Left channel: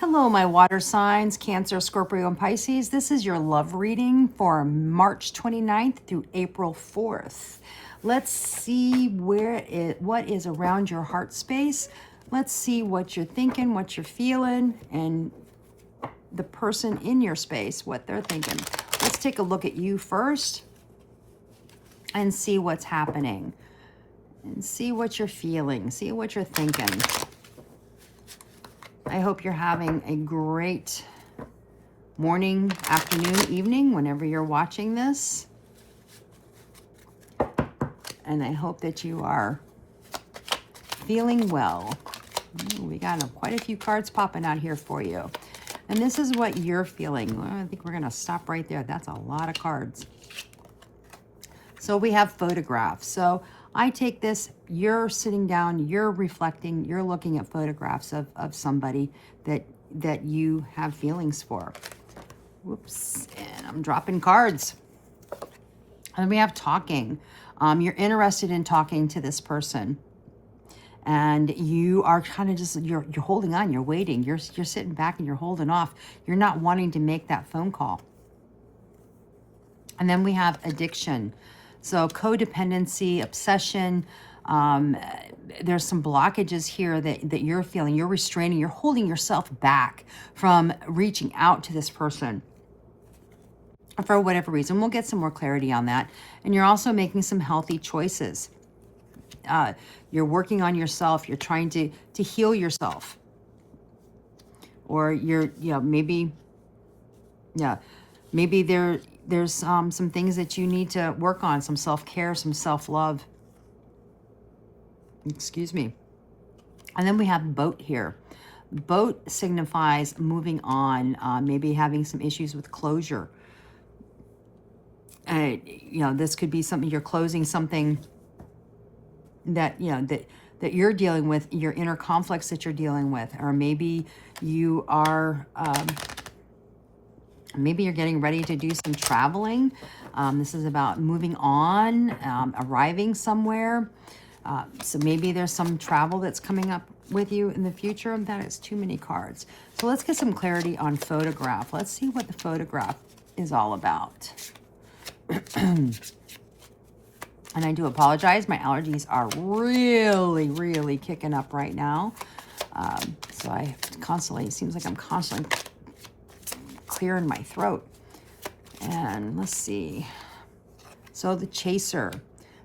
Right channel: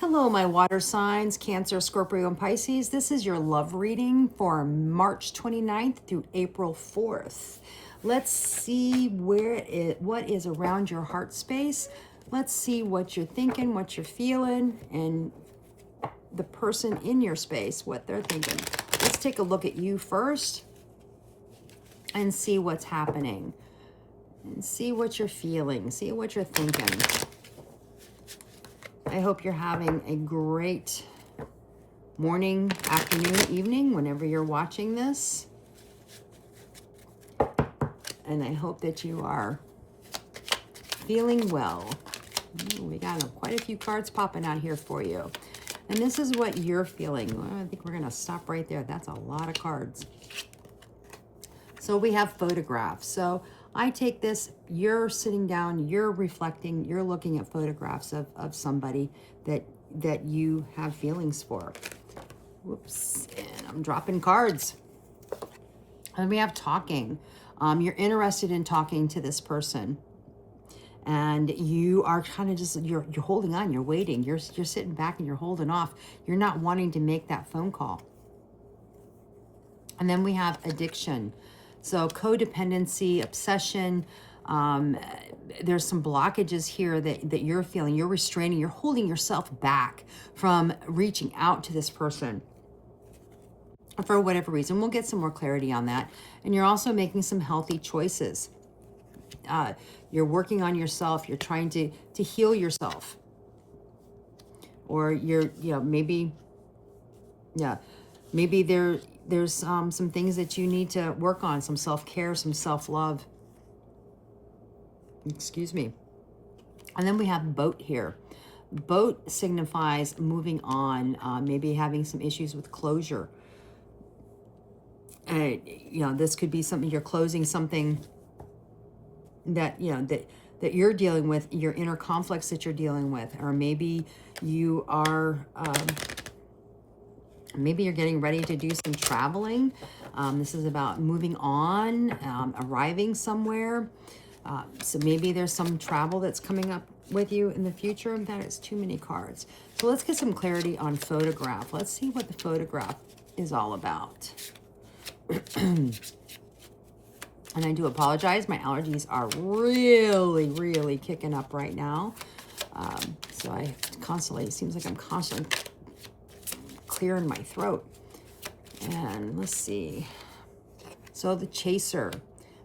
Hello, my water signs, Cancer, Scorpio, and Pisces. This is your love reading for March 29th through April 4th. Let's see what is around your heart space. Let's see what you're thinking, what you're feeling, and the person in your space, what they're thinking. Let's take a look at you first and see what's happening. And see what you're feeling, see what you're thinking. I hope you're having a great morning, afternoon, evening, whenever you're watching this. And I hope that you are feeling well. We got quite a few cards popping out here for you. And this is what you're feeling. I think we're going to stop right there. That's a lot of cards. So we have photographs. So I take this, you're sitting down, you're reflecting, you're looking at photographs of somebody that you have feelings for. Whoops, and I'm dropping cards. And we have talking. You're interested in talking to this person. And you are kind of just, you're holding on, you're waiting, you're sitting back and you're holding off. You're not wanting to make that phone call. And then we have addiction. So codependency, obsession, there's some blockages here that you're feeling. You're restraining, you're holding yourself back from reaching out to this person for whatever reason. We'll get some more clarity on that. And you're also making some healthy choices. You're working on yourself. You're trying to heal yourself. Or maybe there's some things that you need to work on, some self-care, some self-love. Excuse me. And then we have boat here. Boat signifies moving on, maybe having some issues with closure. This could be something, you're closing something that you're dealing with, your inner conflicts that you're dealing with, or maybe you are maybe you're getting ready to do some traveling. This is about moving on, arriving somewhere. So maybe there's some travel that's coming up with you in the future. That is too many cards. So let's get some clarity on photograph. Let's see what the photograph is all about. And I do apologize. My allergies are really, really kicking up right now. So I constantly, it seems like I'm constantly clearing my throat. And let's see. So the chaser.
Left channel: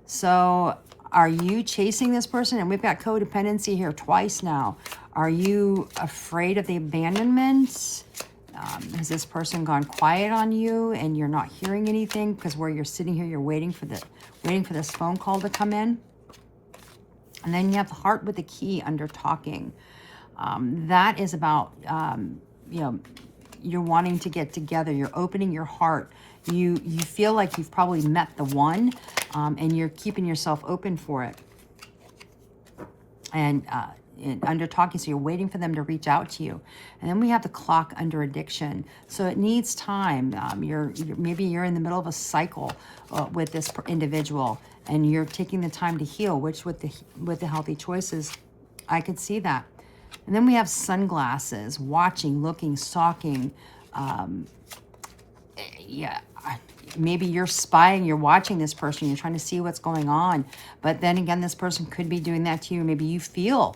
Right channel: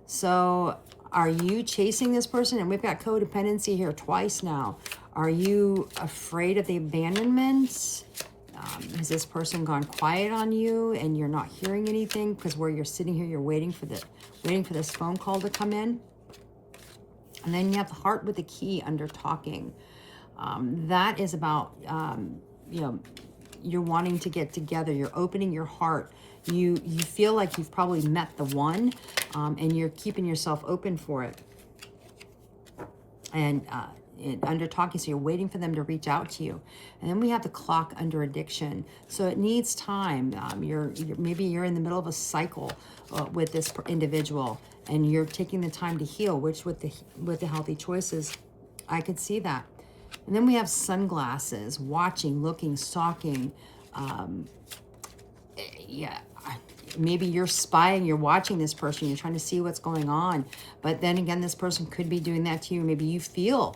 So are you chasing this person? And we've got codependency here twice now. Are you afraid of the abandonment? Has this person gone quiet on you and you're not hearing anything? Because where you're sitting here, you're waiting for this phone call to come in. And then you have the heart with the key under talking. That is about, you're wanting to get together. You're opening your heart. You feel like you've probably met the one, and you're keeping yourself open for it. And under talking, so you're waiting for them to reach out to you. And then we have the clock under addiction. So it needs time. Maybe you're in the middle of a cycle with this individual, and you're taking the time to heal. Which with the healthy choices, I could see that. And then we have sunglasses, watching, looking, stalking. Maybe you're spying, you're watching this person, you're trying to see what's going on. But then again, this person could be doing that to you. Maybe you feel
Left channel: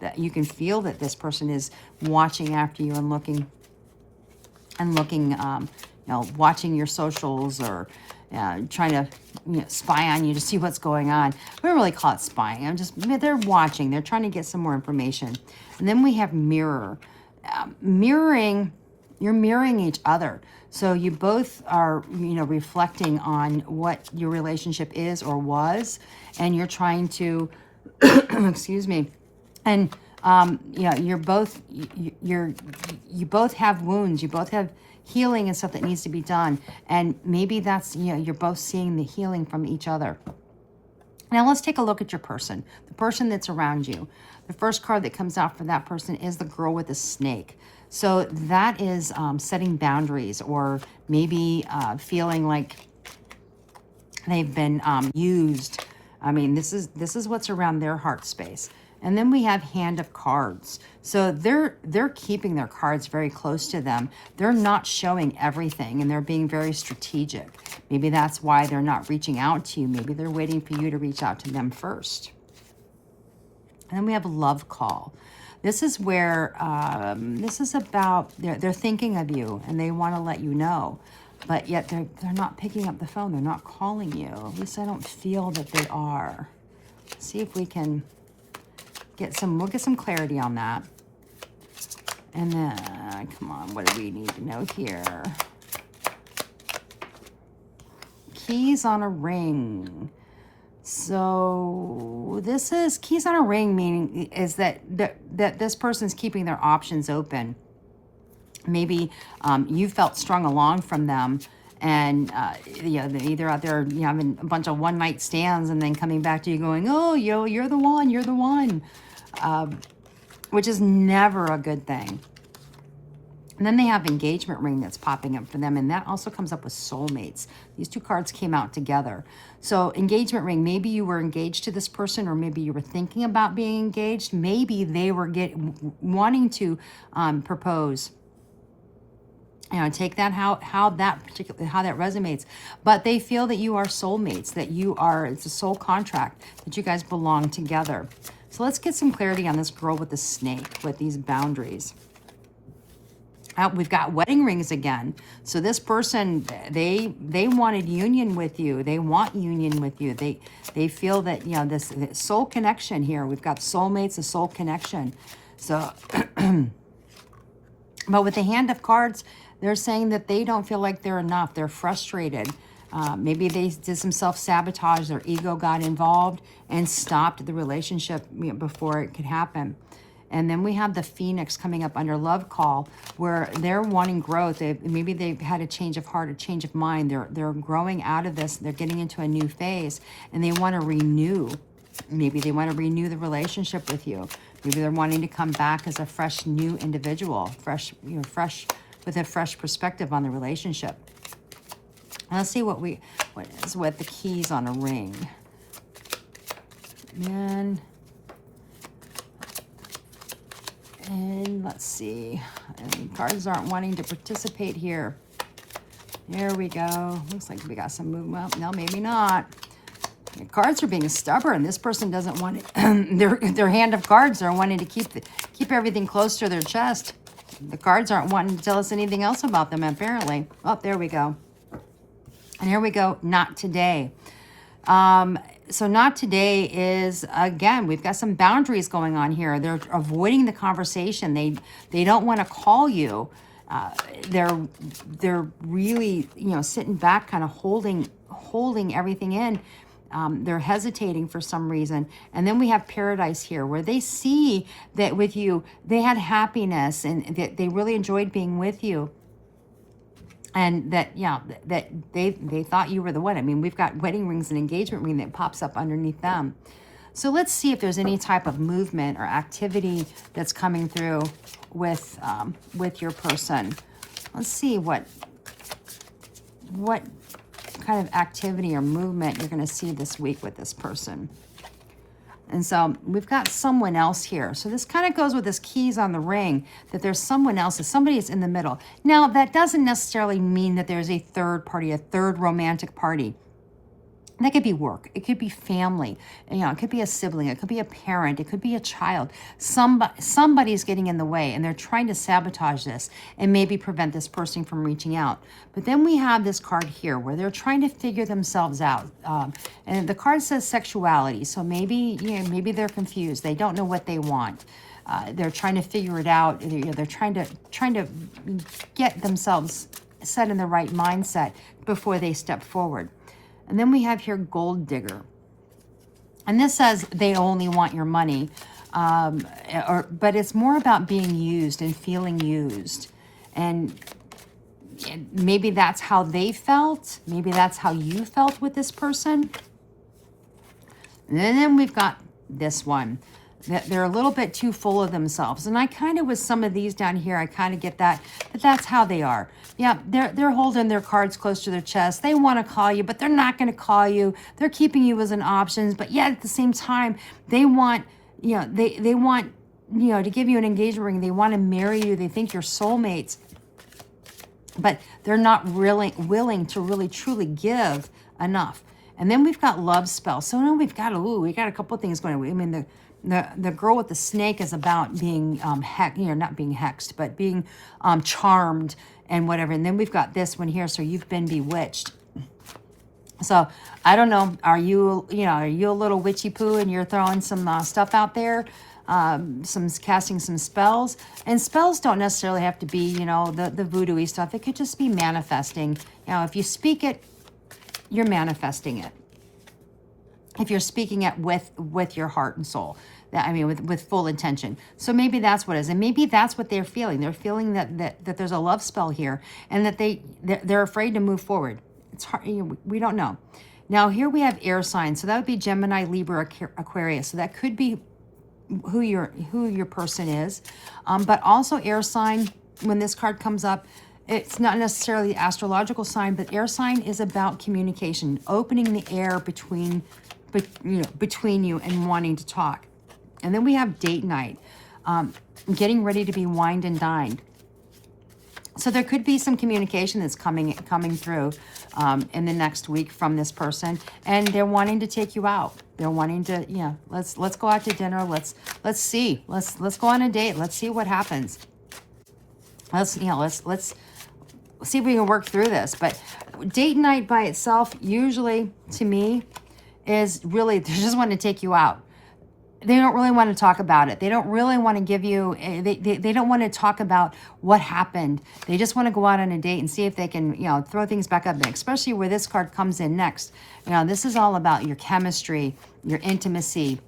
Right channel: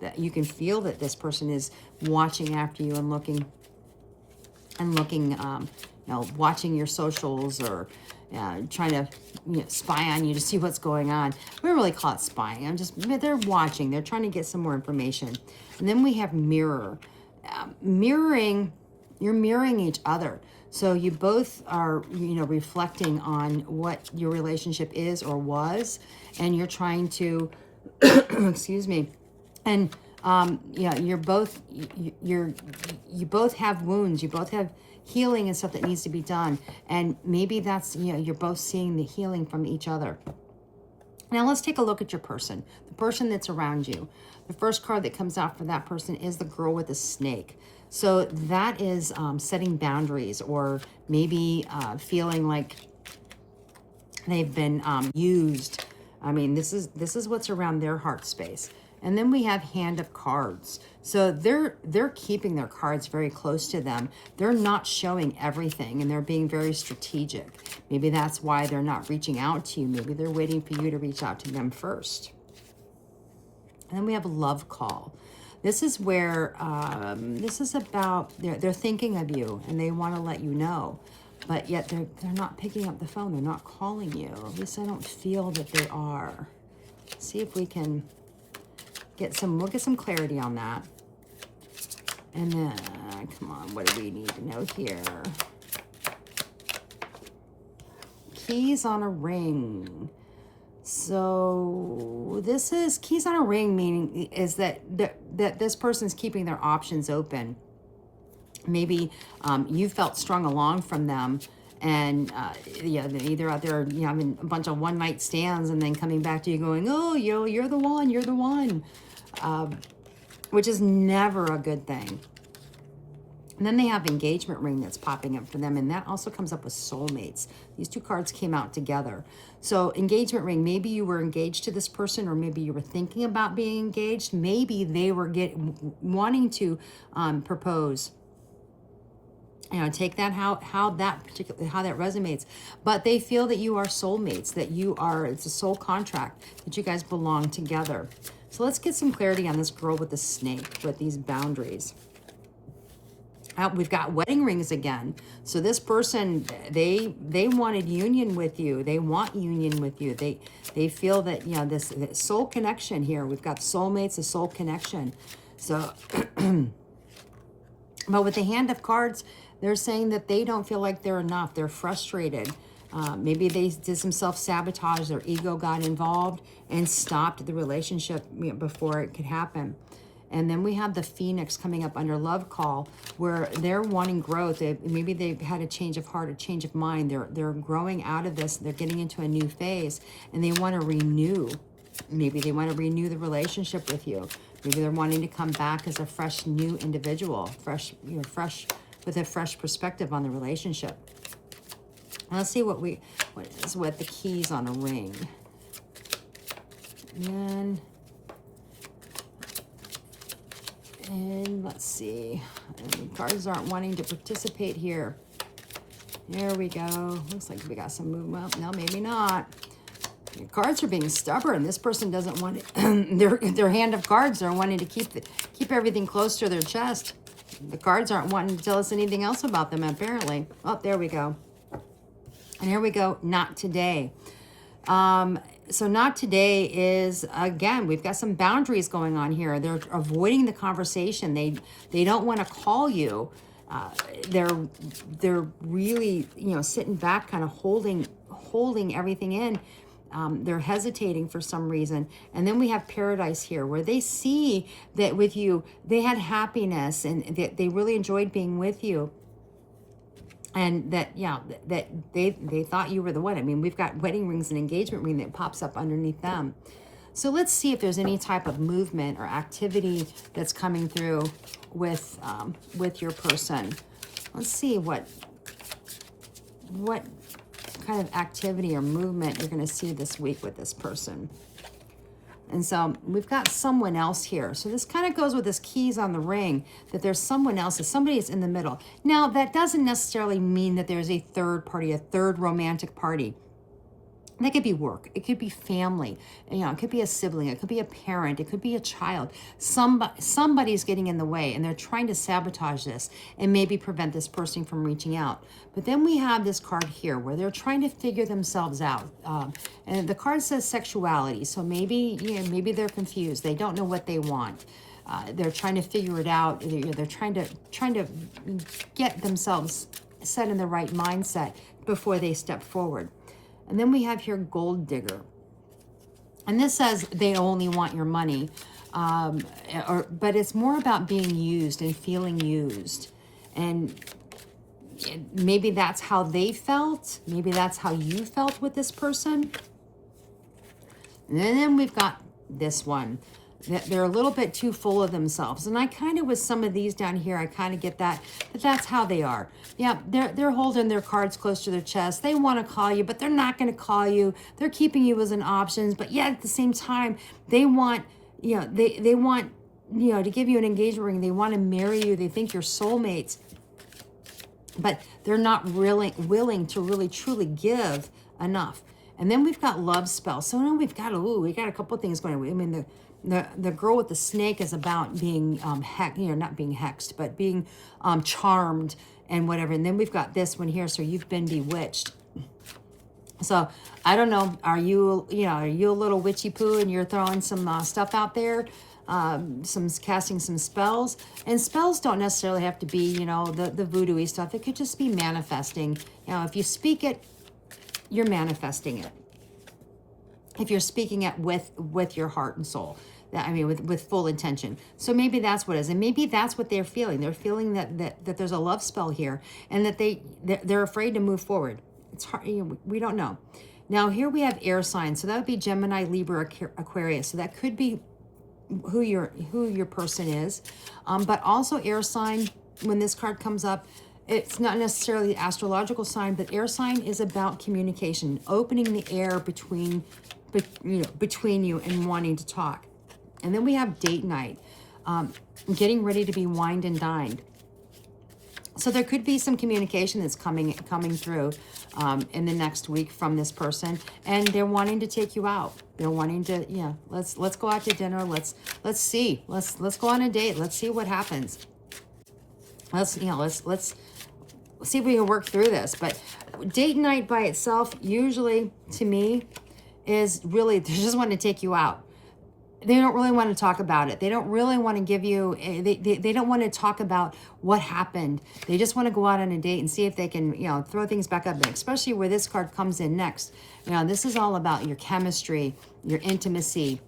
that you can feel that this person is watching after you and looking, watching your socials, or trying to spy on you to see what's going on. We don't really call it spying. They're watching. They're trying to get some more information. And then we have mirror. Mirroring, you're mirroring each other. So you both are, reflecting on what your relationship is or was, and you're trying to, excuse me, and you both have wounds. You both have healing and stuff that needs to be done, and maybe that's you're both seeing the healing from each other. Now let's take a look at your person, the person that's around you. The first card that comes out for that person is the girl with the snake. So that is setting boundaries, or maybe feeling like they've been used. I mean, this is what's around their heart space. And then we have Hand of Cards. So they're keeping their cards very close to them. They're not showing everything, and they're being very strategic. Maybe that's why they're not reaching out to you. Maybe they're waiting for you to reach out to them first. And then we have Love Call. This is where, this is about, they're thinking of you and they want to let you know. But yet they're not picking up the phone. They're not calling you. At least I don't feel that they are. Let's see if we can we'll get some clarity on that. And then, come on, what do we need to know here? Keys on a ring. So this is keys on a ring, meaning is that this person's keeping their options open. Maybe you felt strung along from them, and yeah, they're either out there, you know, having a bunch of one-night stands and then coming back to you going, oh, yo, you're the one, which is never a good thing. And then they have engagement ring that's popping up for them, and that also comes up with soulmates. These two cards came out together. So engagement ring, maybe you were engaged to this person, or maybe you were thinking about being engaged. Maybe they were wanting to propose. You know, take that how that resonates. But they feel that you are soulmates, that it's a soul contract, that you guys belong together. So let's get some clarity on this girl with the snake, with these boundaries. We've got wedding rings again. So this person, they wanted union with you. They want union with you. They feel that, you know, this soul connection here. We've got soulmates, a soul connection. So, but with the Hand of Cards, they're saying that they don't feel like they're enough. They're frustrated. Maybe they did some self-sabotage. Their ego got involved and stopped the relationship, you know, before it could happen. And then we have the Phoenix coming up under Love Call, where they're wanting growth. Maybe they've had a change of heart, a change of mind. They're growing out of this. They're getting into a new phase, and they want to renew. Maybe they want to renew the relationship with you. Maybe they're wanting to come back as a fresh, new individual, fresh with a fresh perspective on the relationship. Now let's see what is with the keys on a ring. And let's see. And cards aren't wanting to participate here. Here we go. Looks like we got some movement. Well, no, maybe not. The cards are being stubborn. This person doesn't want it. Their Hand of Cards are wanting to keep everything close to their chest. The cards aren't wanting to tell us anything else about them, apparently. Oh, there we go. And here we go. Not today. So not today is, again, we've got some boundaries going on here. They're avoiding the conversation. They don't want to call you. They're really, you know, sitting back, kind of holding everything in. They're hesitating for some reason. And then we have Paradise here, where they see that with you, they had happiness and that they really enjoyed being with you. And that, yeah, that they thought you were the one. I mean, we've got wedding rings and engagement ring that pops up underneath them. So let's see if there's any type of movement or activity that's coming through with your person. Let's see what kind of activity or movement you're going to see this week with this person. And so we've got someone else here. So this kind of goes with this keys on the ring, that there's someone else, somebody is in the middle. Now, that doesn't necessarily mean that there's a third party, a third romantic party. That could be work. It could be family. You know, it could be a sibling. It could be a parent. It could be a child. Somebody's getting in the way, and they're trying to sabotage this and maybe prevent this person from reaching out. But then we have this card here where they're trying to figure themselves out. And the card says sexuality. So maybe they're confused. They don't know what they want. They're trying to figure it out. They're trying to get themselves set in the right mindset before they step forward. And then we have here Gold Digger. And this says they only want your money. But it's more about being used and feeling used. And maybe that's how they felt. Maybe that's how you felt with this person. And then we've got this one. They're a little bit too full of themselves. And I kind of, with some of these down here, I kind of get that, but that's how they are. Yeah, they're holding their cards close to their chest. They want to call you, but they're not going to call you. They're keeping you as an option, but yet at the same time, they want they want, to give you an engagement ring. They want to marry you. They think you're soulmates, but they're not really willing to really truly give enough. And then we've got love spell. So now we got a couple of things going on. I mean, the girl with the snake is about being not being hexed, but being charmed and whatever. And then we've got this one here. So you've been bewitched. So I don't know. Are you a little witchy poo and you're throwing some stuff out there? Casting some spells, and spells don't necessarily have to be, the voodoo-y stuff. It could just be manifesting. If you speak it, you're manifesting it. If you're speaking it with your heart and soul, with full intention. So maybe that's what it is, and maybe that's what they're feeling. They're feeling that there's a love spell here, and that they're afraid to move forward. It's hard. We don't know. Now here we have air signs, so that would be Gemini, Libra, Aquarius. So that could be who your person is, but also air sign. When this card comes up, it's not necessarily an astrological sign, but air sign is about communication, opening the air between you and wanting to talk. And then we have date night, getting ready to be wined and dined. So there could be some communication that's coming through in the next week from this person, and they're wanting to take you out. They're wanting to, let's go out to dinner. Let's see. Let's go on a date. Let's see what happens. Let's see if we can work through this. But date night by itself, usually to me, is really they just want to take you out. They don't really want to talk about it. They don't really want to give you, they don't want to talk about what happened. They just want to go out on a date and see if they can, throw things back up. And especially where this card comes in next. This is all about your chemistry, your intimacy.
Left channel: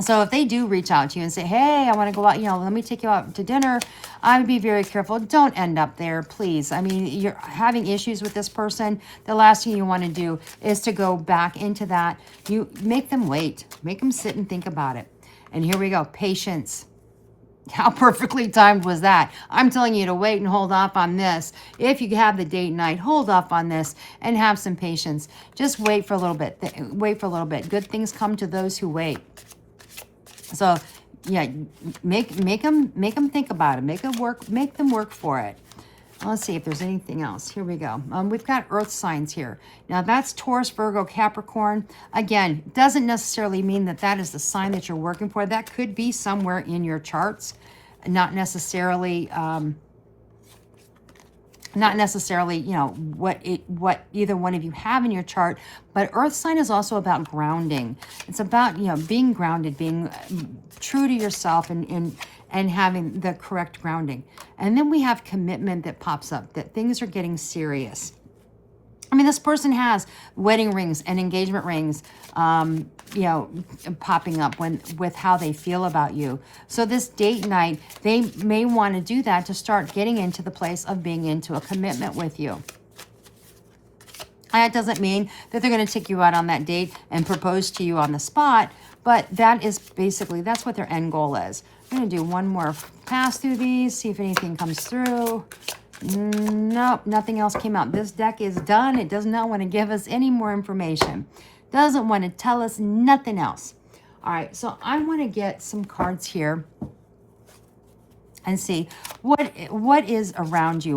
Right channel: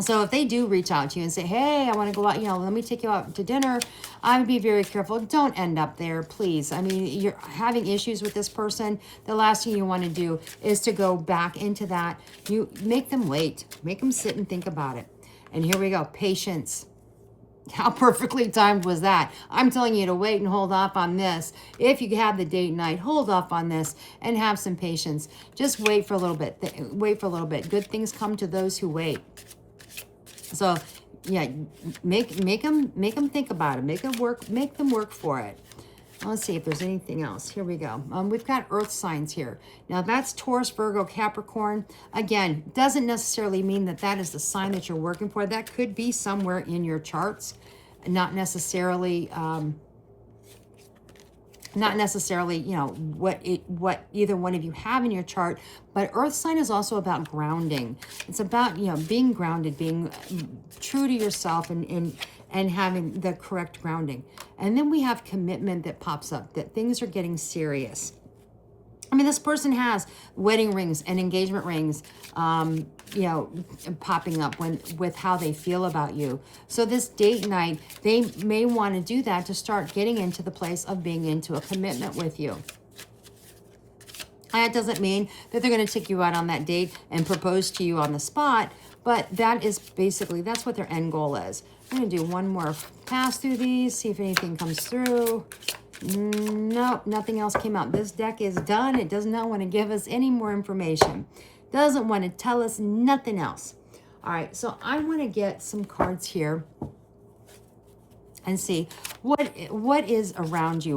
So if they do reach out to you and say, hey, I want to go out, let me take you out to dinner, I would be very careful. Don't end up there, please. I mean, you're having issues with this person. The last thing you want to do is to go back into that. You make them wait. Make them sit and think about it. And here we go. Patience. How perfectly timed was that? I'm telling you to wait and hold off on this. If you have the date night, hold off on this and have some patience. Just wait for a little bit. Wait for a little bit. Good things come to those who wait. So, yeah, make them think about it. Make them work for it. Let's see if there's anything else. Here we go. We've got earth signs here. Now that's Taurus, Virgo, Capricorn. Again, doesn't necessarily mean that is the sign that you're working for. That could be somewhere in your charts, not necessarily what either one of you have in your chart. But earth sign is also about grounding. It's about, being grounded, being true to yourself and having the correct grounding. And then we have commitment that pops up, that things are getting serious. I mean, this person has wedding rings and engagement rings, popping up with how they feel about you. So this date night, they may want to do that to start getting into the place of being into a commitment with you. That doesn't mean that they're going to take you out on that date and propose to you on the spot, but that's what their end goal is. I'm going to do one more pass through these, see if anything comes through. Nope, nothing else came out. This deck is done. It does not want to give us any more information. Doesn't want to tell us nothing else. All right, so I want to get some cards here and see what is around you.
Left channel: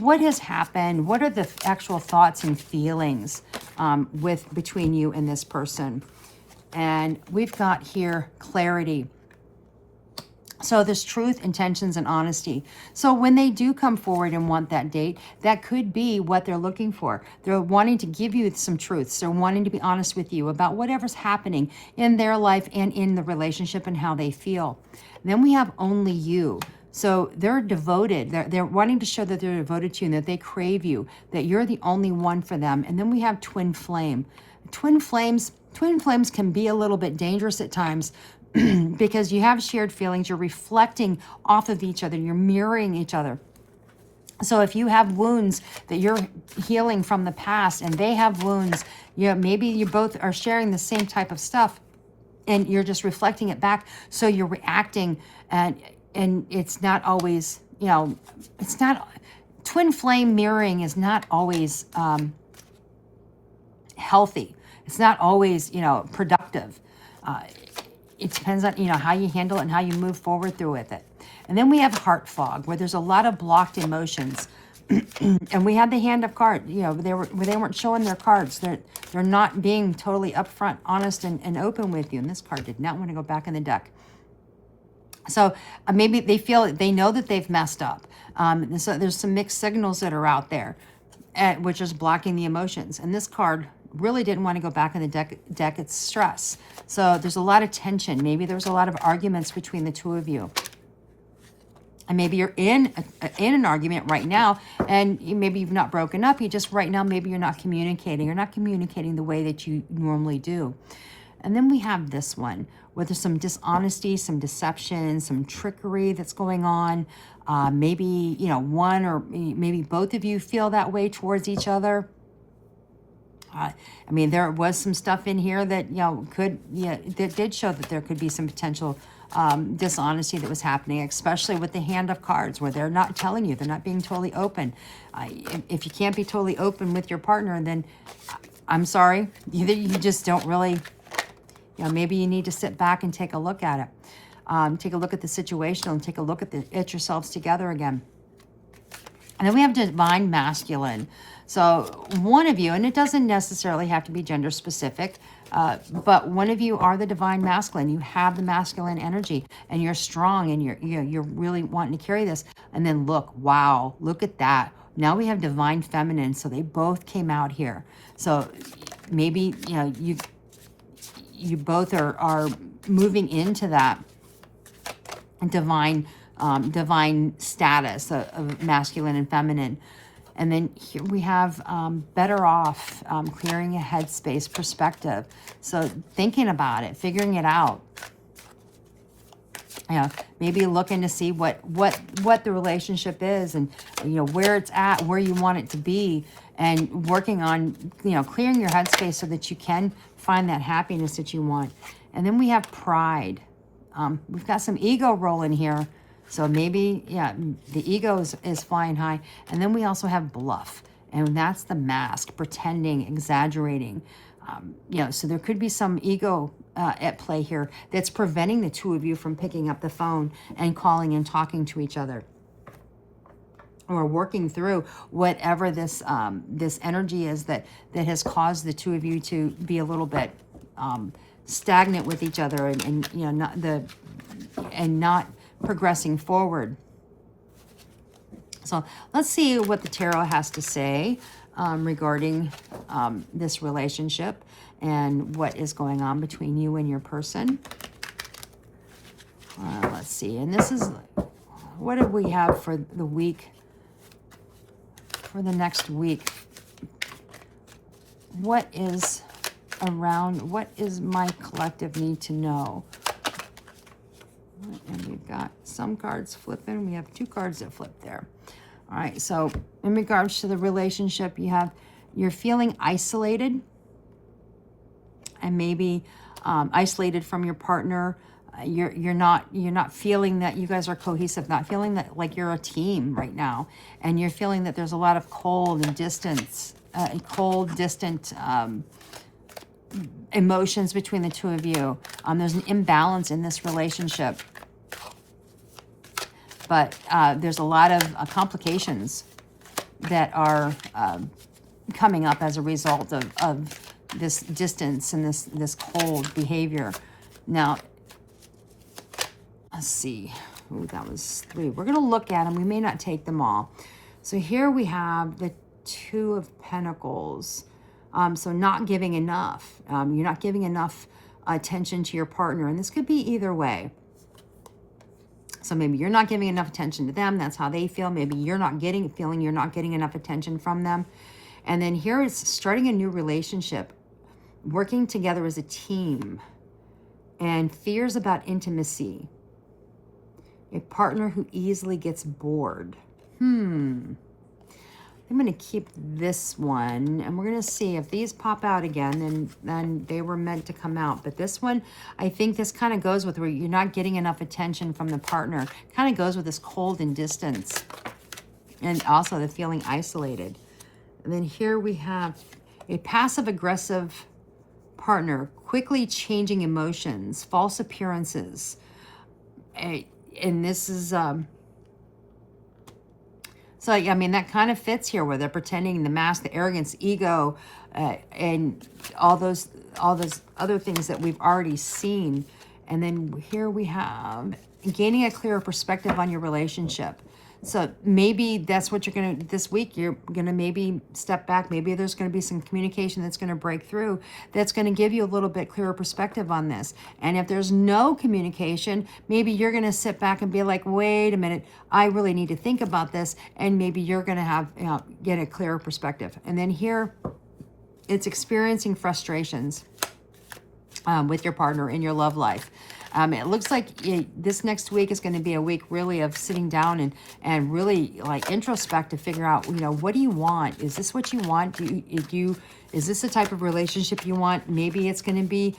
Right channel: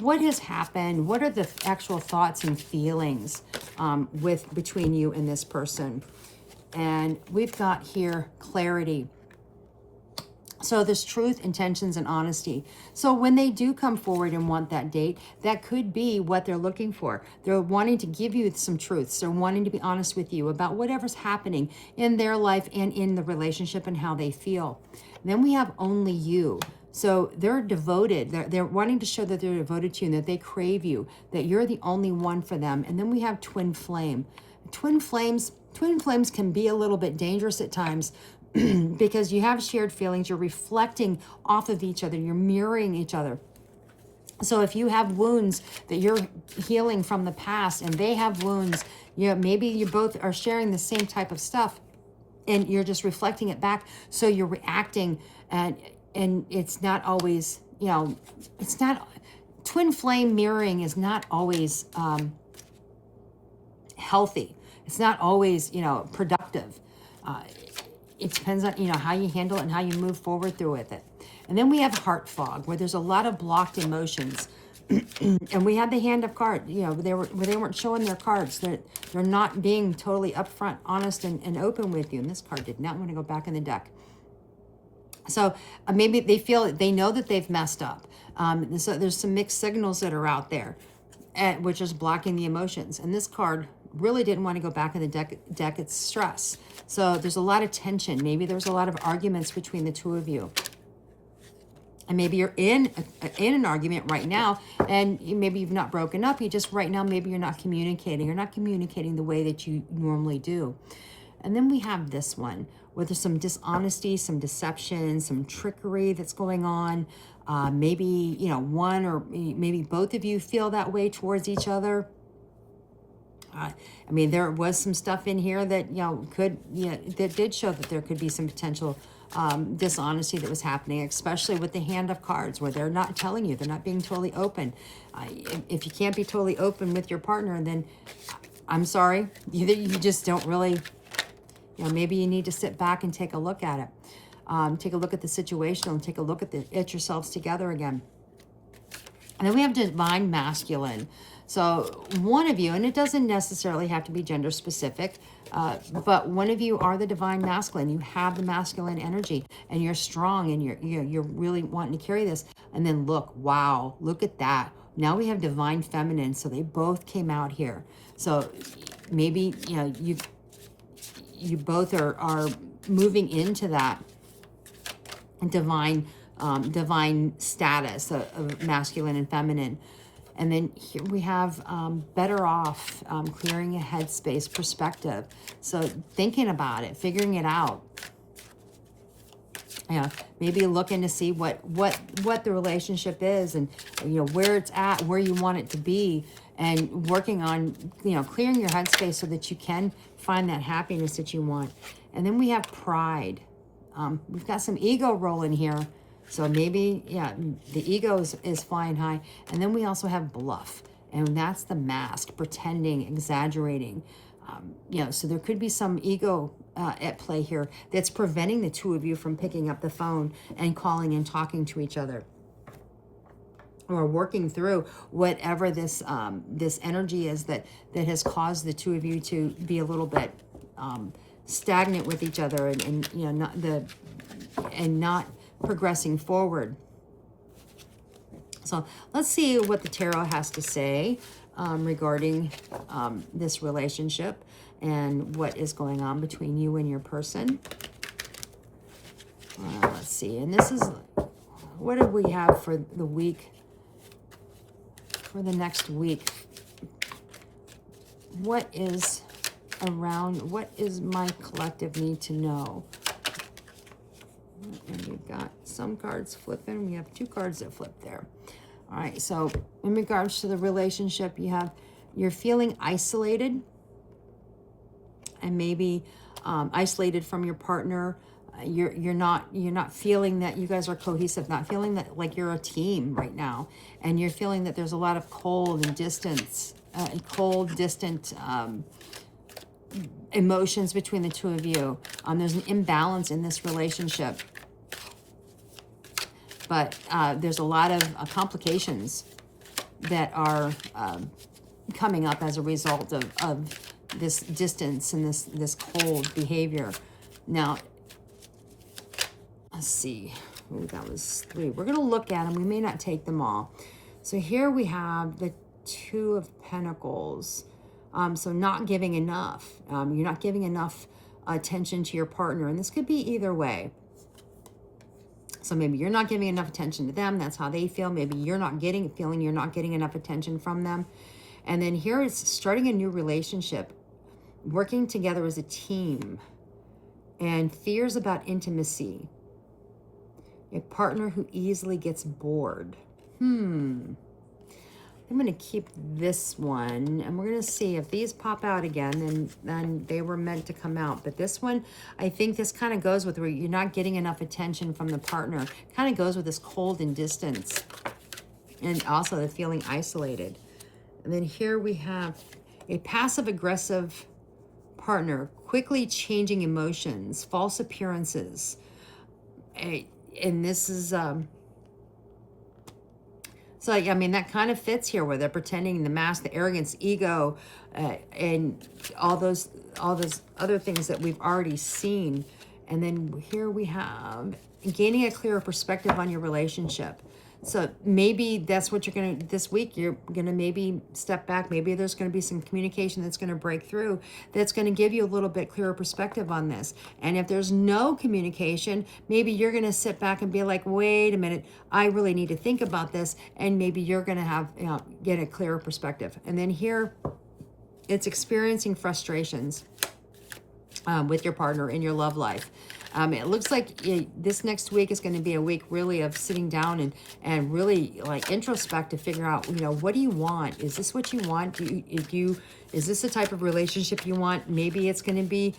What has happened? What are the actual thoughts and feelings between you and this person? And we've got here clarity. So there's truth, intentions, and honesty. So when they do come forward and want that date, that could be what they're looking for. They're wanting to give you some truths. They're wanting to be honest with you about whatever's happening in their life and in the relationship and how they feel. Then we have only you. So they're devoted. They're wanting to show that they're devoted to you and that they crave you, that you're the only one for them. And then we have twin flame. Twin flames can be a little bit dangerous at times because you have shared feelings. You're reflecting off of each other. You're mirroring each other. So if you have wounds that you're healing from the past and they have wounds, maybe you both are sharing the same type of stuff and you're just reflecting it back. So you're reacting and it's not always, it's not, twin flame mirroring is not always healthy. It's not always, productive. it depends on, how you handle it and how you move forward through with it. And then we have heart fog, where there's a lot of blocked emotions. And we had the hand of cards, they weren't showing their cards. They're not being totally upfront, honest, and open with you. And this card did not want to go back in the deck. So maybe they know that they've messed up. So there's some mixed signals that are out there, which is blocking the emotions. And this card really didn't want to go back in the deck. It's stress. So there's a lot of tension. Maybe there was a lot of arguments between the two of you. And maybe you're in an argument right now, and maybe you've not broken up. You just right now, maybe you're not communicating. You're not communicating the way that you normally do. And then we have this one, where there's some dishonesty, some deception, some trickery that's going on. Maybe, one or maybe both of you feel that way towards each other. There was some stuff in here that, that did show that there could be some potential dishonesty that was happening, especially with the hand of cards, where they're not telling you, they're not being totally open. If you can't be totally open with your partner, then I'm sorry, you just don't really, maybe you need to sit back and take a look at it. Take a look at the situation and take a look at yourselves together again. And then we have divine masculine. So one of you, and it doesn't necessarily have to be gender specific, but one of you are the divine masculine. You have the masculine energy, and you're strong, and you're really wanting to carry this. And then look at that. Now we have divine feminine. So they both came out here. So maybe you both are moving into that divine status of masculine and feminine. And then here we have better off, clearing a headspace perspective. So thinking about it, figuring it out. Maybe looking to see what the relationship is, and where it's at, where you want it to be, and working on clearing your headspace so that you can find that happiness that you want. And then we have pride. We've got some ego rolling here. So maybe, the ego is flying high. And then we also have bluff. And that's the mask, pretending, exaggerating. So there could be some ego at play here that's preventing the two of you from picking up the phone and calling and talking to each other. Or working through whatever this energy is that has caused the two of you to be a little bit stagnant with each other, and not progressing forward. So let's see what the tarot has to say regarding this relationship and what is going on between you and your person. Let's see. And this is, what do we have for the week, for the next week? What is my collective need to know? And we've got some cards flipping. We have two cards that flip there. All right, so in regards to the relationship, you're feeling isolated, and maybe isolated from your partner. You're not feeling that you guys are cohesive, not feeling that like you're a team right now, and you're feeling that there's a lot of cold and distant emotions between the two of you. There's an imbalance in this relationship. But there's a lot of complications that are coming up as a result of this distance and this cold behavior. Now, let's see. Ooh, that was 3. We're going to look at them. We may not take them all. So here we have the 2 of Pentacles. So not giving enough. You're not giving enough attention to your partner. And this could be either way. So maybe you're not giving enough attention to them. That's how they feel. Maybe you're not feeling you're not getting enough attention from them. And then here it's starting a new relationship, working together as a team, and fears about intimacy. A partner who easily gets bored. I'm going to keep this one, and we're going to see if these pop out again, and then they were meant to come out. But this one, I think this kind of goes with where you're not getting enough attention from the partner. Kind of goes with this cold and distance, and also the feeling isolated. And then here we have a passive-aggressive partner, quickly changing emotions, false appearances. And this is, so, I mean, that kind of fits here where they're pretending the mask, the arrogance, ego, and all those other things that we've already seen. And then here we have gaining a clearer perspective on your relationship. So maybe that's what you're going to, this week, you're going to maybe step back. Maybe there's going to be some communication that's going to break through, that's going to give you a little bit clearer perspective on this. And if there's no communication, maybe you're going to sit back and be like, wait a minute, I really need to think about this. And maybe you're going to have, get a clearer perspective. And then here, it's experiencing frustrations with your partner in your love life. It looks like this next week is going to be a week really of sitting down and really like introspect to figure out, what do you want? Is this what you want? Is this the type of relationship you want? Maybe it's going to be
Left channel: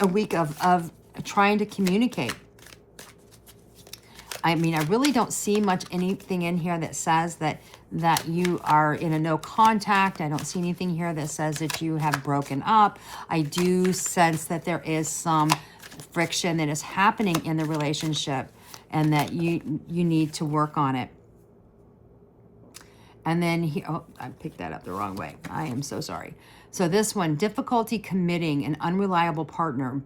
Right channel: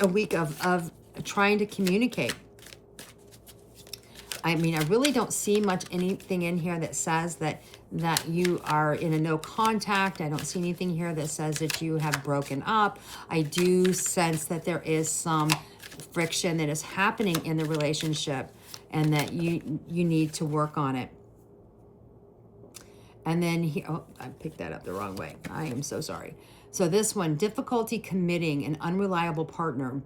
a week of trying to communicate. I mean, I really don't see much anything in here that says that you are in a no contact. I don't see anything here that says that you have broken up. I do sense that there is some friction that is happening in the relationship and that you need to work on it. And then I picked that up the wrong way. I am so sorry. So this one, difficulty committing, an unreliable partner,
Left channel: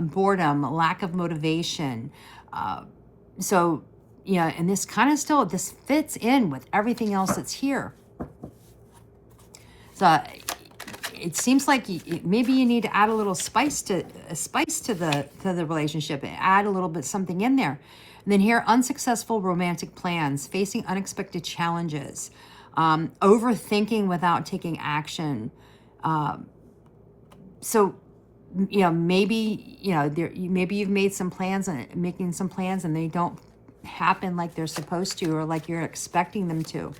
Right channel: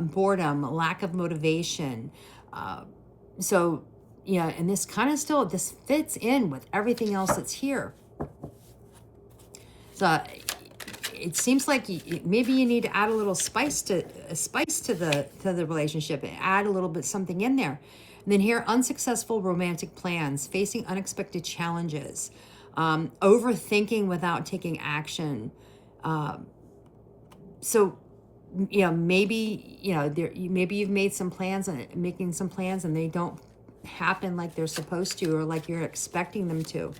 boredom, lack of motivation. And this kind of this fits in with everything else that's here. So it seems like maybe you need to add a little spice to the relationship, add a little bit something in there. And then here, unsuccessful romantic plans, facing unexpected challenges, overthinking without taking action. Maybe you've made some plans and making some plans and they don't happen like they're supposed to or like you're expecting them to.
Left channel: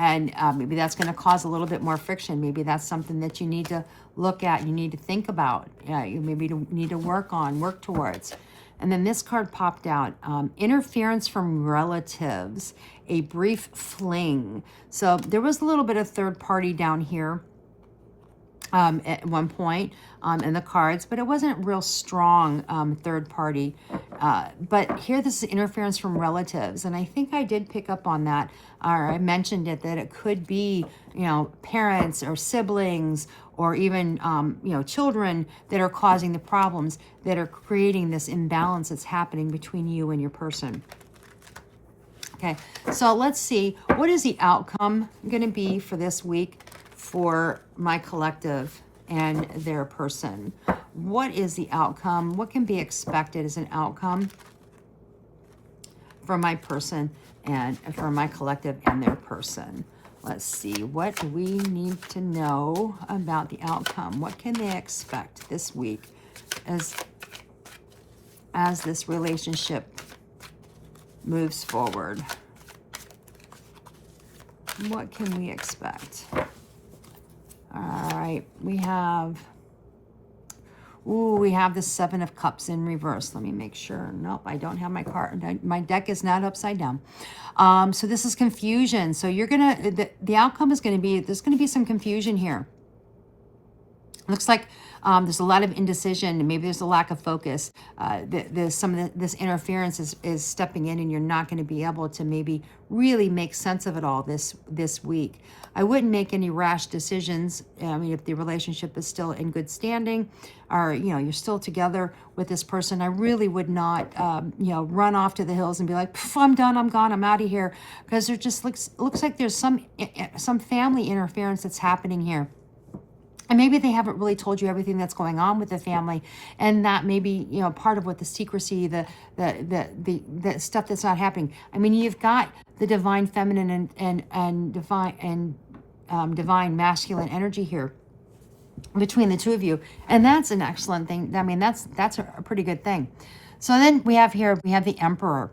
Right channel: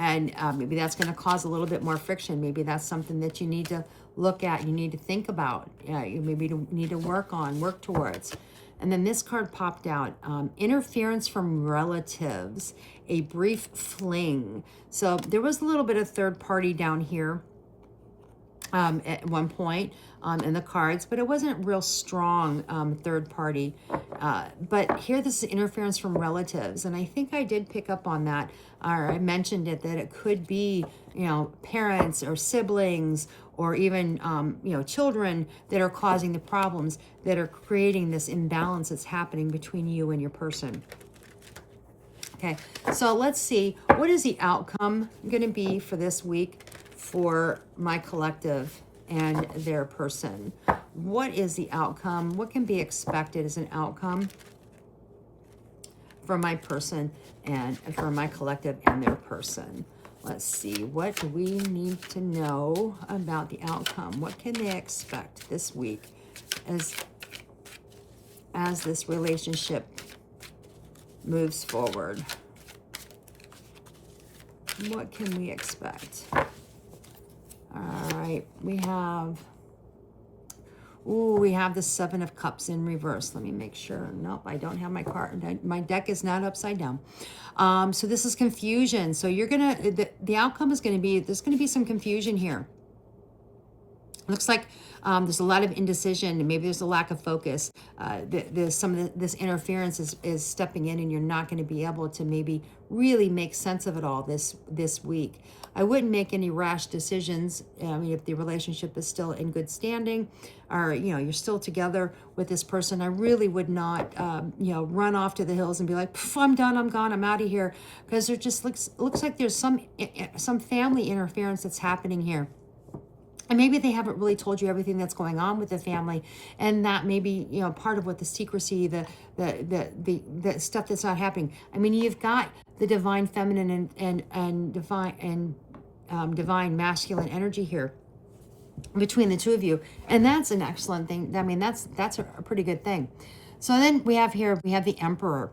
And maybe that's going to cause a little bit more friction. Maybe that's something that you need to look at, you need to think about, you maybe need to work towards. And then this card popped out, interference from relatives, a brief fling. So there was a little bit of third party down here at one point in the cards, but it wasn't real strong third party. But here, this is interference from relatives. And I think I did pick up on that, or I mentioned it, that it could be, parents or siblings or even, children that are causing the problems, that are creating this imbalance that's happening between you and your person. Okay, so let's see, what is the outcome going to be for this week for my collective and their person? What is the outcome? What can be expected as an outcome for my person and for my collective and their person? Let's see, what do we need to know about the outcome? What can they expect this week as this relationship moves forward? What can we expect? All right, we have the Seven of Cups in reverse. Let me make sure. Nope, I don't have my card. My deck is not upside down. So this is confusion. So you're the outcome is gonna be, there's gonna be some confusion here. Looks like there's a lot of indecision. Maybe there's a lack of focus. There's some of this interference is stepping in, and you're not going to be able to maybe really make sense of it all this week. I wouldn't make any rash decisions. I mean, if the relationship is still in good standing, or you're still together with this person, I really would not run off to the hills and be like, I'm done, I'm gone, I'm out of here, because there just looks like there's some family interference that's happening here. And maybe they haven't really told you everything that's going on with the family, and that may be, part of what the secrecy, the stuff that's not happening. I mean, you've got the divine feminine and divine masculine energy here between the two of you, and that's an excellent thing. I mean, that's a pretty good thing. So then we have the Emperor.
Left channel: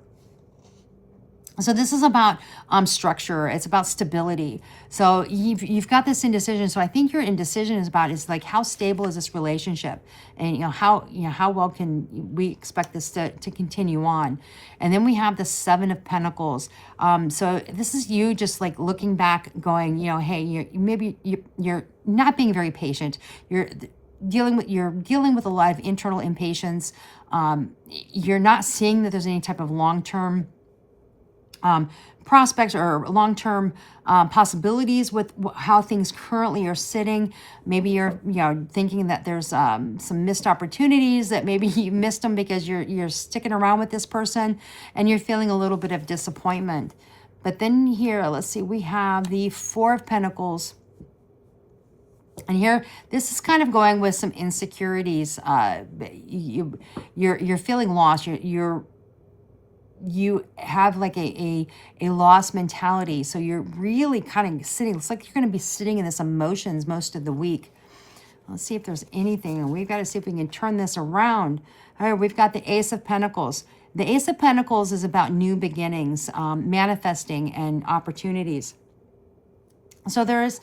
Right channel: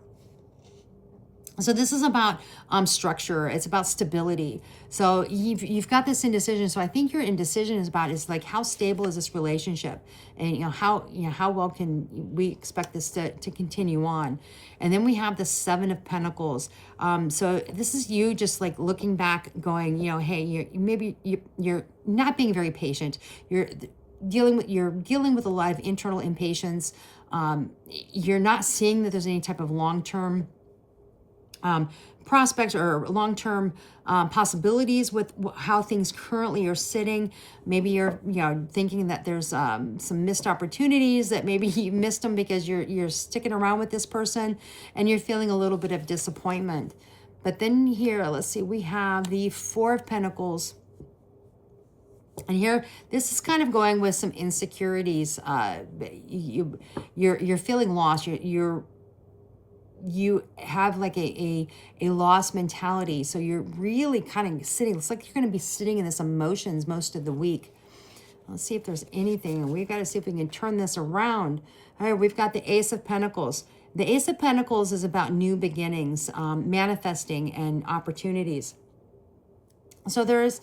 So this is about structure. It's about stability. So you've got this indecision. So I think your indecision is like, how stable is this relationship, and how well can we expect this to continue on. And then we have the Seven of Pentacles. So this is you just like looking back, going, hey, you're not being very patient. You're dealing with a lot of internal impatience. You're not seeing that there's any type of long-term prospects or long-term possibilities with how things currently are sitting. Maybe you're thinking that there's some missed opportunities, that maybe you missed them because you're sticking around with this person and you're feeling a little bit of disappointment. But then here, let's see, we have the Four of Pentacles. And here, this is kind of going with some insecurities. You're feeling lost. You have like a lost mentality. So you're really kind of sitting, it's like you're going to be sitting in this emotions most of the week. Let's see if there's anything, and we've got to see if we can turn this around. All right, we've got the Ace of Pentacles. The Ace of Pentacles is about new beginnings, manifesting, and opportunities. So there's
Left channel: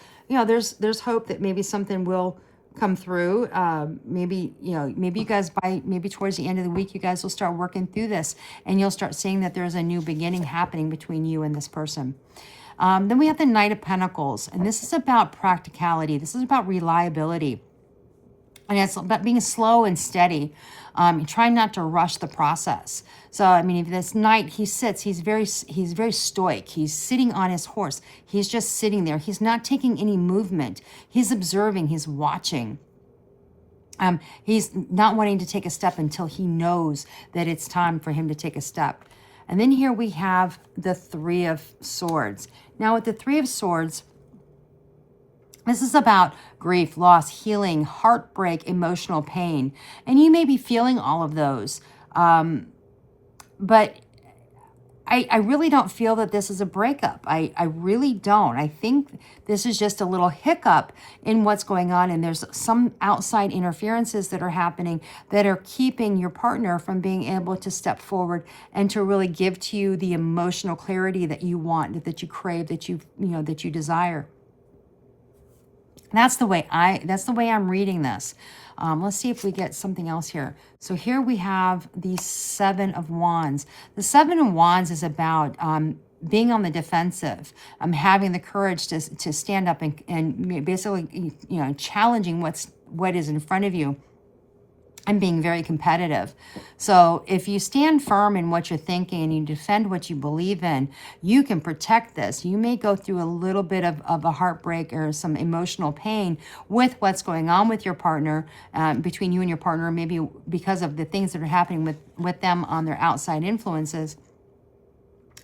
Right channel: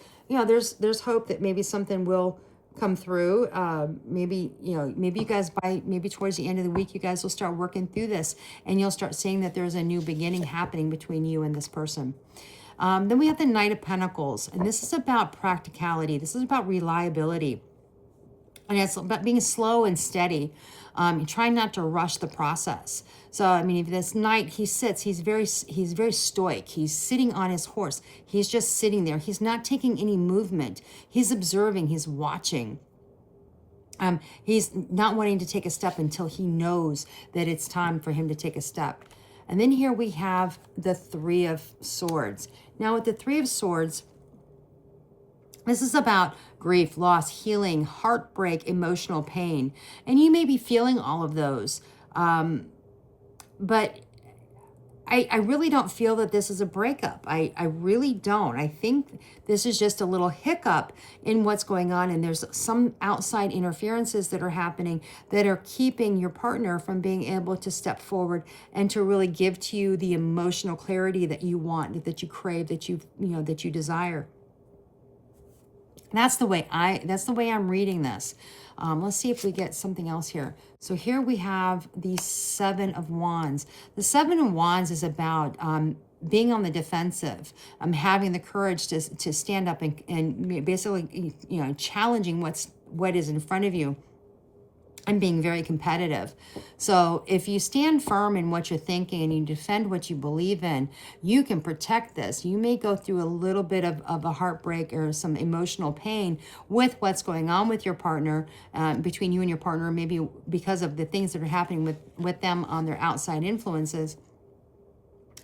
hope that maybe something will come through. Maybe you guys, maybe towards the end of the week, you guys will start working through this, and you'll start seeing that there's a new beginning happening between you and this person. Then we have the Knight of Pentacles, and this is about practicality. This is about reliability, and it's about being slow and steady. Trying not to rush the process. So, I mean, if this knight, he's very stoic. He's sitting on his horse. He's just sitting there. He's not taking any movement. He's observing, he's watching. He's not wanting to take a step until he knows that it's time for him to take a step. And then here we have the Three of Swords. Now with the Three of Swords, this is about grief, loss, healing, heartbreak, emotional pain. And you may be feeling all of those. But I really don't feel that this is a breakup. I really don't. I think this is just a little hiccup in what's going on. And there's some outside interferences that are happening that are keeping your partner from being able to step forward and to really give to you the emotional clarity that you want, that you crave, that you desire. That's the way I'm reading this. Let's see if we get something else here. So here we have the Seven of Wands. The Seven of Wands is about being on the defensive, having the courage to stand up and basically, challenging what is in front of you, and being very competitive. So if you stand firm in what you're thinking and you defend what you believe in, you can protect this. You may go through a little bit of a heartbreak or some emotional pain with what's going on with your partner, between you and your partner, maybe because of the things that are happening with them on their outside influences.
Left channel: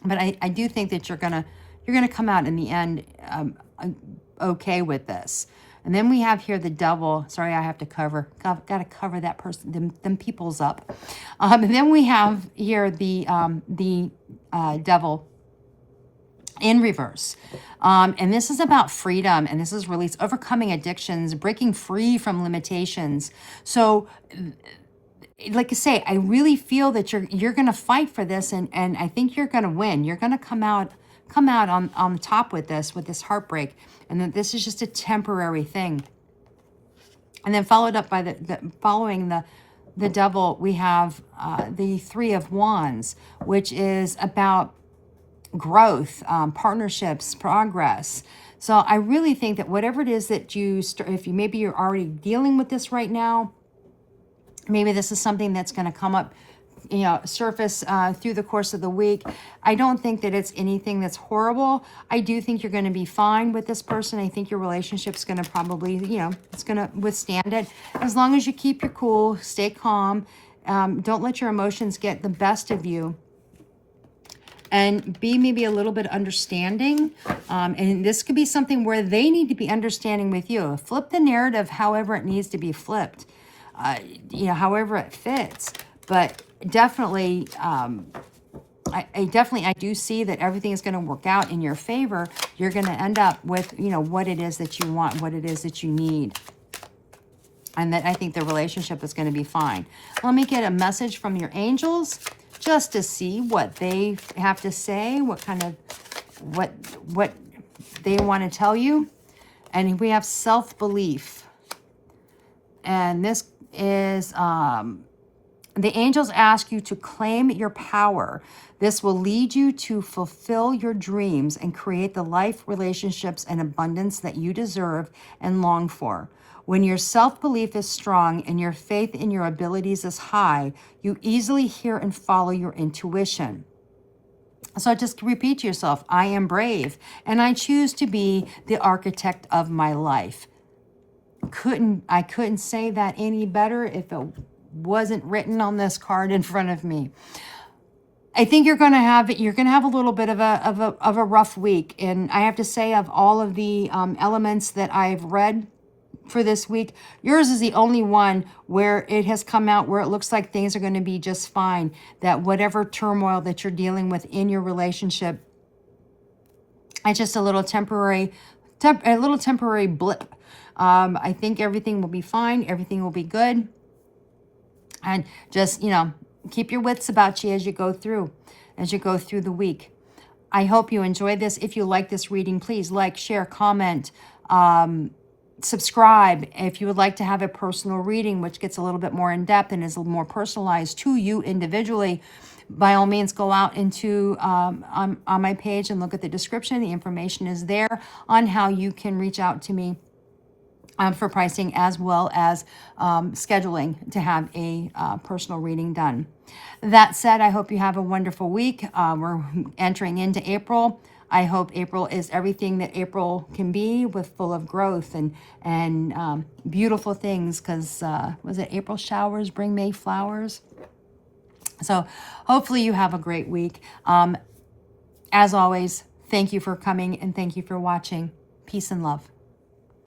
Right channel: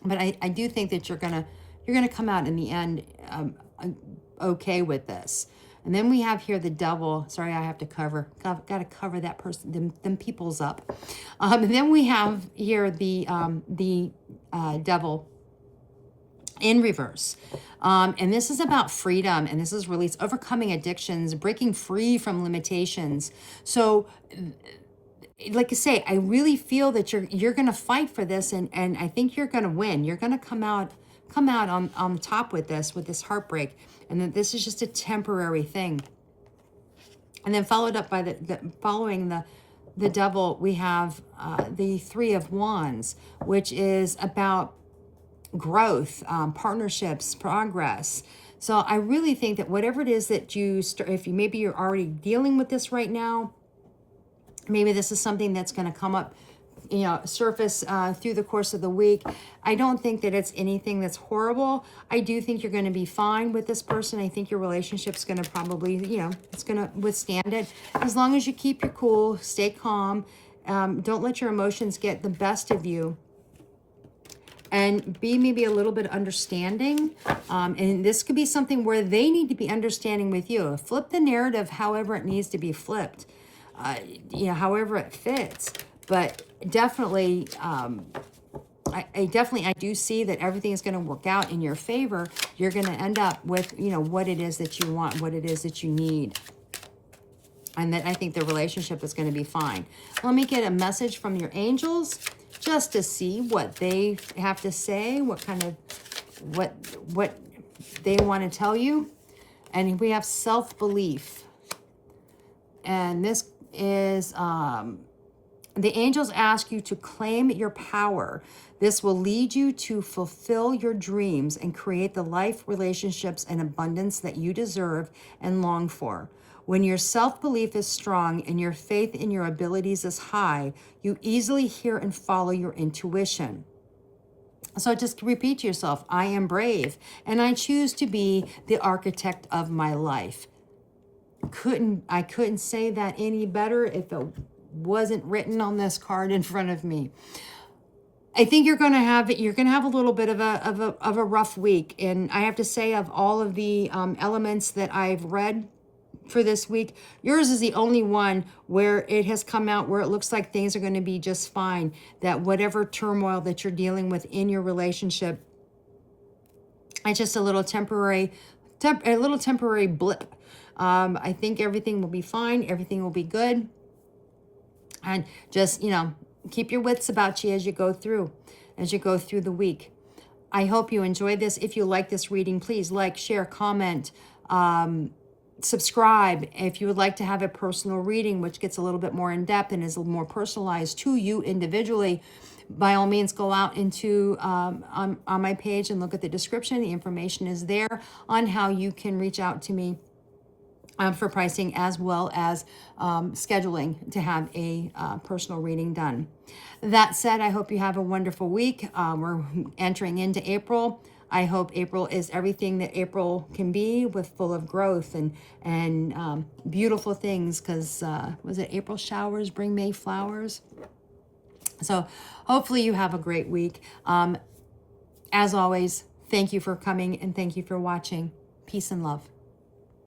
But I do think that you're gonna come out in the end okay with this. And then we have here the Devil. Sorry, I have to got to cover that person, them peoples up. And then we have here the Devil in reverse. And this is about freedom, and this is release, overcoming addictions, breaking free from limitations. So, like I say, I really feel that you're going to fight for this, and I think you're going to win. You're going to come out on top with this heartbreak, and that this is just a temporary thing. And then followed up by following the Devil, we have the Three of Wands, which is about growth, partnerships, progress. So I really think that whatever it is that maybe you're already dealing with this right now, maybe this is something that's going to come up, surface through the course of the week. I don't think that it's anything that's horrible. I do think you're going to be fine with this person. I think your relationship's going to probably, it's going to withstand it. As long as you keep your cool, stay calm, don't let your emotions get the best of you, and be maybe a little bit understanding. And this could be something where they need to be understanding with you. Flip the narrative however it needs to be flipped, however it fits. But definitely, I do see that everything is going to work out in your favor. You're going to end up with, what it is that you want, what it is that you need. And that I think the relationship is going to be fine. Let me get a message from your angels just to see what they have to say, what kind of, what they want to tell you. And we have self-belief. And this is, the angels ask you to claim your power. This will lead you to fulfill your dreams and create the life, relationships, and abundance that you deserve and long for. When your self-belief is strong and your faith in your abilities is high, you easily hear and follow your intuition. So just repeat to yourself, I am brave and I choose to be the architect of my life. I couldn't say that any better if it wasn't written on this card in front of me. I think you're going to have a little bit of a rough week. And I have to say, of all of the elements that I've read for this week, yours is the only one where it has come out where it looks like things are going to be just fine. That whatever turmoil that you're dealing with in your relationship, it's just a little temporary blip. I think everything will be fine. Everything will be good. And just, keep your wits about you as you go through the week. I hope you enjoyed this. If you like this reading, please like, share, comment, subscribe. If you would like to have a personal reading, which gets a little bit more in depth and is a little more personalized to you individually, by all means, go out into on my page and look at the description. The information is there on how you can reach out to me for pricing, as well as scheduling to have a personal reading done. That said, I hope you have a wonderful week. We're entering into April. I hope April is everything that April can be, with full of growth and beautiful things, because was it April showers bring May flowers? So hopefully you have a great week. As always, thank you for coming and thank you for watching. Peace and love.